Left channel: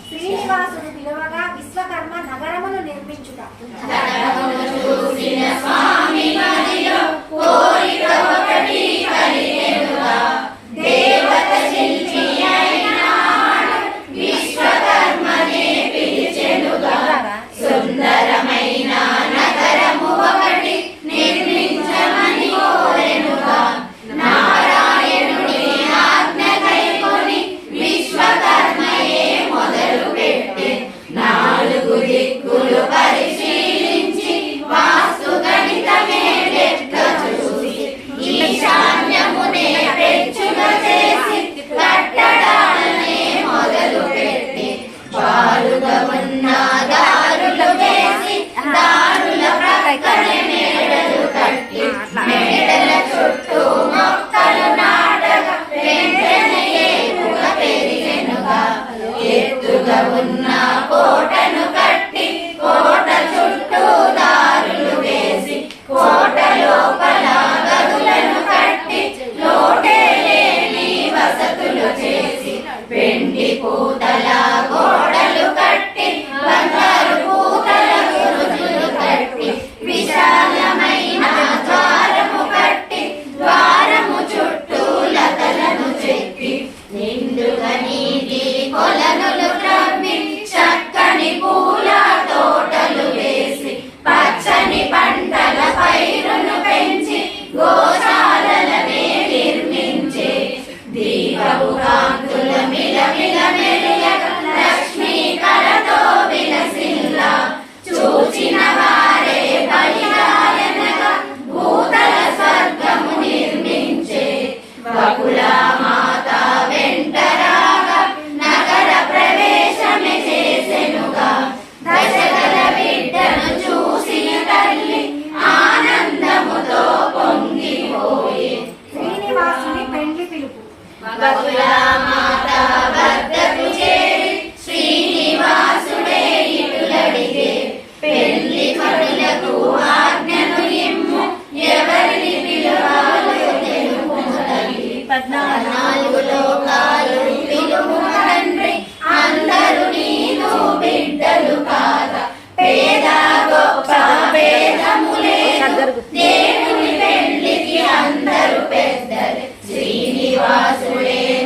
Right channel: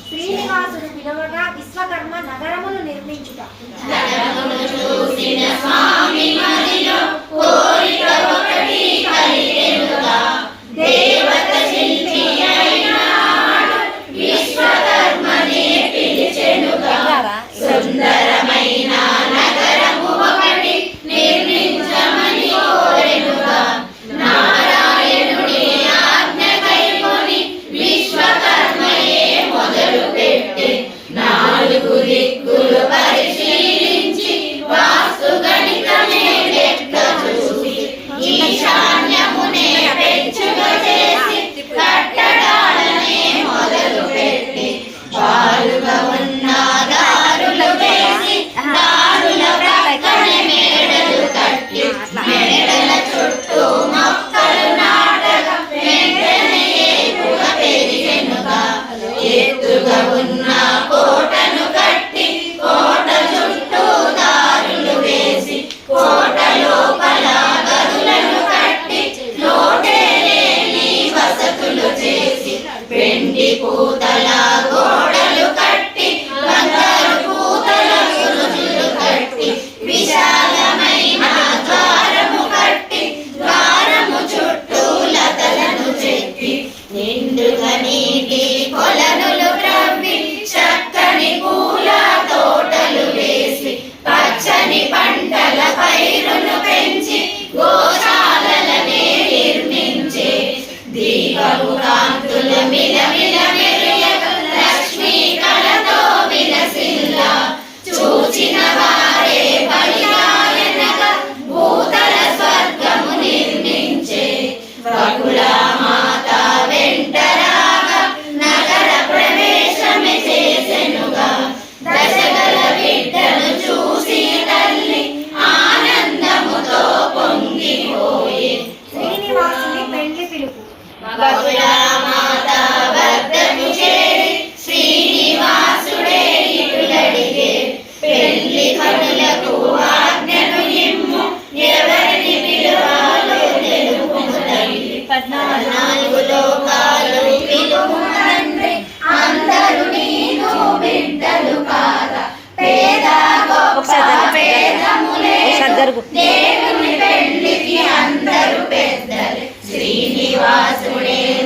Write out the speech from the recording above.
శ్రీనివాసుడు పిలువగా విశ్వకర్మ నగరమును నిర్మించుట సుందరమైన నగరము ఒకటి నిర్మించమని కోరెనుగా నారాయణుని ఆజ్ఞ కైకొని విశ్వకర్మయే మొదలు పెట్టి 4 దిక్కులు పరిశీలించి వాస్తు గణితమే లెక్క చూసి ఈశాన్యమునే పెచ్చుగా చేసి కట్టడాలనే మొదలు పెట్టి పాలుగా ఉన్న దారులు వేసి దారుల ప్రక్కనే మేడలు కట్టి మేడల చుట్టూ మొక్కలు నాటగా వెంటనే ఏపుగా పెరిగెనుగా ఎత్తుగా ఉన్న కోటను కట్టి కోట చుట్టూ దారులు వేసి కోట లోపల గదులను కట్టి లోటే లేని వసతులు చేసి వెండి పూతల గోడలు కట్టి బంగారు పూతల గురుజులు కట్టి విశాలమైన ద్వారము కట్టి ద్వారము చుట్టూ లతలను చెట్టి నిండుగా నీటి కొలనులు త్రవ్వి చక్కని పూల తోటలు వేసి పచ్చని పంటల పైరును పెంచి గోశాలనే నిర్మించే దీపపు కాంతుల మిలమిల మెరియగ లక్ష్మీ కళతో విలసిల్లా చూచిన వారే బలిదాయనగా భూతల స్వర్గము నిర్మించే బకుల